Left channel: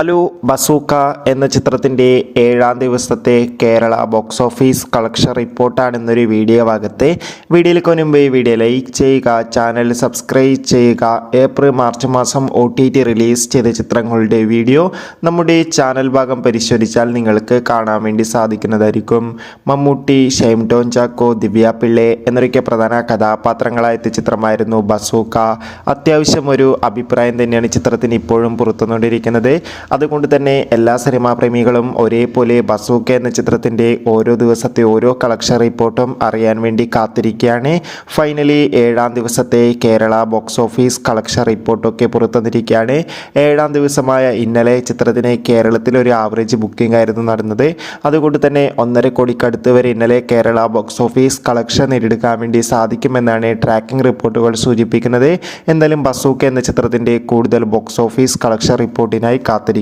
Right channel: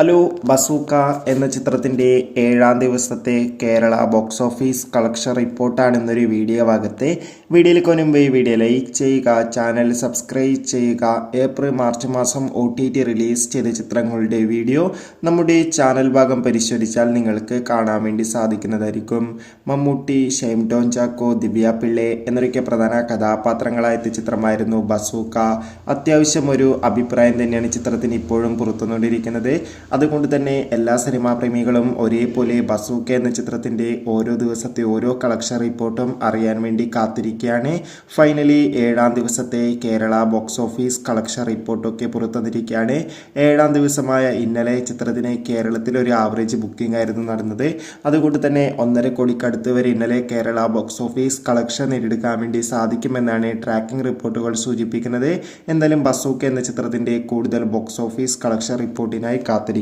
Hello bazooka എന്ന ചിത്രത്തിന്റെ ഏഴാം ദിവസത്തെ കേരള ബോക്സ് ഓഫീസ് കളക്ഷൻ റിപ്പോർട്ടാണ് ഇന്നൊരു വീഡിയോ ഭാഗത്ത് വീഡിയോയിലേക്ക് മുൻപ് ഈ വീഡിയോ ലൈക്ക് ചെയ്യുക ചാനൽ സബ്സ്ക്രൈബ് ചെയ്യുക. ഏപ്രിൽ മാർച്ച് മാസം ഒ റിലീസ് ചെയ്ത ചിത്രങ്ങളുടെ വീഡിയോ നമ്മുടെ ചാനൽ ഭാഗം പരിശോധിച്ചാൽ നിങ്ങൾക്ക് കാണാൻ വേണ്ടി സാധിക്കുന്നതായിരിക്കും. മമ്മൂട്ടി ഷെയ്ം ടോൺ ചാക്കോ ദിവ്യ പിള്ളെ എന്നൊക്കെ പ്രധാന കഥാപാത്രങ്ങളായ ചിത്രമായിരുന്നു ബസൂക്ക. അത്യാവശ്യം ഒരു അഭിപ്രായം തന്നെയാണ് ചിത്രത്തിന് ഇപ്പോഴും പുറത്തുകൊണ്ടിരിക്കുന്നത് അതുകൊണ്ട് തന്നെ എല്ലാ സിനിമാ പ്രേമികളും ഒരേപോലെ ബസൂക്ക എന്ന ചിത്രത്തിന്റെ ഓരോ ദിവസത്തെ ഓരോ കളക്ഷൻ റിപ്പോർട്ടും അറിയാൻ വേണ്ടി കാത്തിരിക്കുകയാണ്. ഫൈനലി ഏഴാം ദിവസത്തെ കേരള ബോക്സ് ഓഫീസ് കളക്ഷൻ റിപ്പോർട്ടൊക്കെ പുറത്തുവന്നിരിക്കുകയാണ്. ഏഴാം ദിവസമായ ഇന്നലെ ചിത്രത്തിന് കേരളത്തിൽ ഒരു ആവറേജ് ബുക്കിംഗ് ആയിരുന്നു നടന്നത്. അതുകൊണ്ട് തന്നെ ഒന്നര കോടിക്കടുത്ത് വരെ ഇന്നലെ കേരള ബോക്സ് ഓഫീസ് കളക്ഷൻ നേടിയെടുക്കാൻ വേണ്ടി സാധിക്കുമെന്നാണ് ട്രാക്കിംഗ് റിപ്പോർട്ടുകൾ സൂചിപ്പിക്കുന്നത്. എന്തായാലും ബസൂക്ക എന്ന ചിത്രത്തിന്റെ കൂടുതൽ ബോക്സ് ഓഫീസ് കളക്ഷൻ റിപ്പോർട്ടിനായി കാത്തിരിക്കും